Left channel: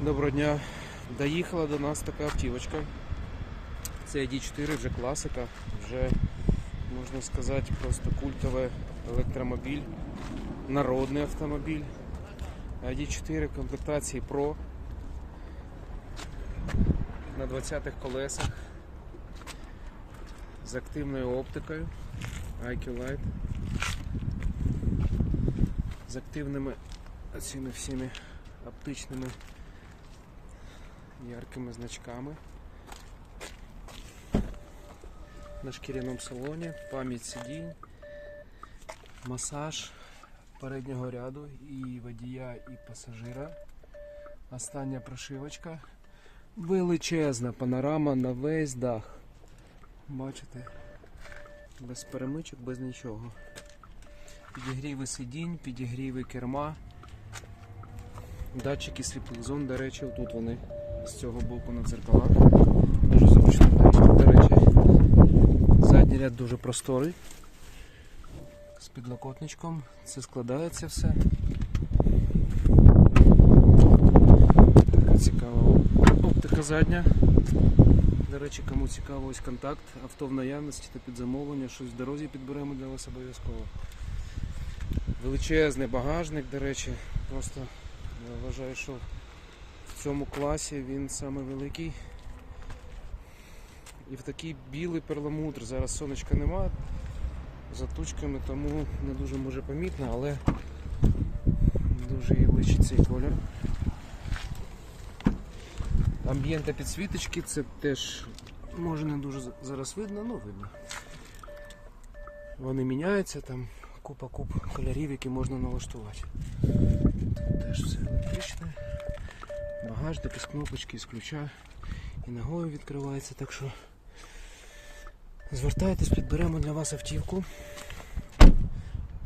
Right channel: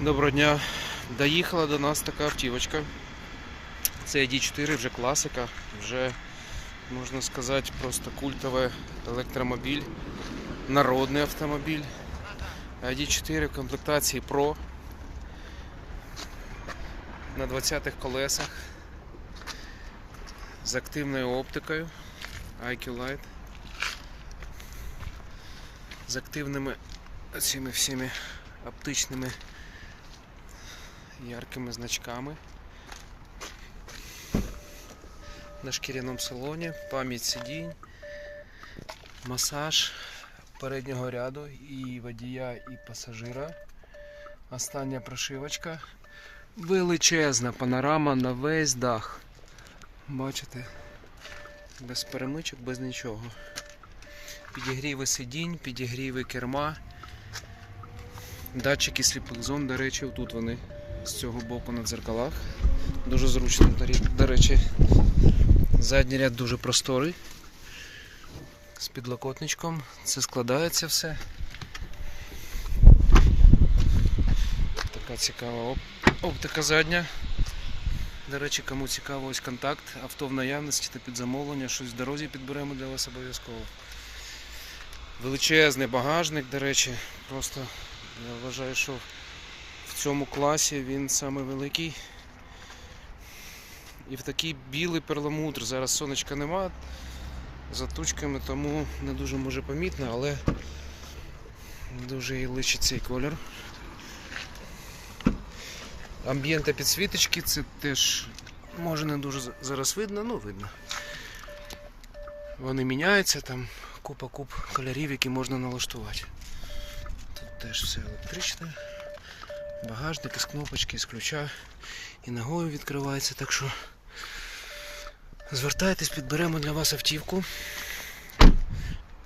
Доброго дня. Доїхала до нас така автівочка. Це ID4, вже класика, вже можна сказати, просто культовий електромобіль, народний автомобіль. ID4 в комплектації Pro на 20-х колесах з активною оптикою IQ Light з активними цими всіми оптичними яркими значками. На шкіряному салоні, пам'ять сидінь, масаж переднього ряду і водія, і пасажира. Остання прошивочка. Величезна панорама на весь дах. Бачите? Без перемичок, без нічого. Підігріви сидінь, підігріви керма. Датчики сліпих зон, до речі, тут вони з цього боку на дзеркалах. Дуже зручно, до- речі. Задній ряд дуже просторий. З підлокотничком. Це складається все. Така цікава оптика задня. До речі, кому цікаво ось контакт, авто в наявності та під замовлення, щось в дорозі підберемо для вас обов'язково. Величезний багажник, до речі, просто я вважаю, що в цьому класі він саме великий. І в такий білий перламутр. Зараз сонечка нема за тучками, тому не дуже може помітно, але дуже і личить цей колір. Амбієнта підсвіточки, це теж може не дуже зараз видно, ну видно. Вони міняються, там купа куп кольорів, які можна налаштувати. Тут теж все електричне. Багажник із кнопочки, з ключа і ногою відкривається, так що звертайтесь, підберемо для вас автівку.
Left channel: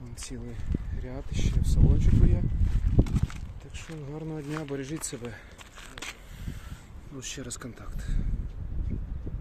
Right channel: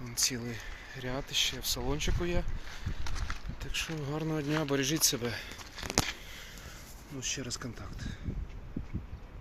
Вон цілий ряд ще в салончику є. Так що гарного дня, бережіть себе. Ну, ще раз контакт.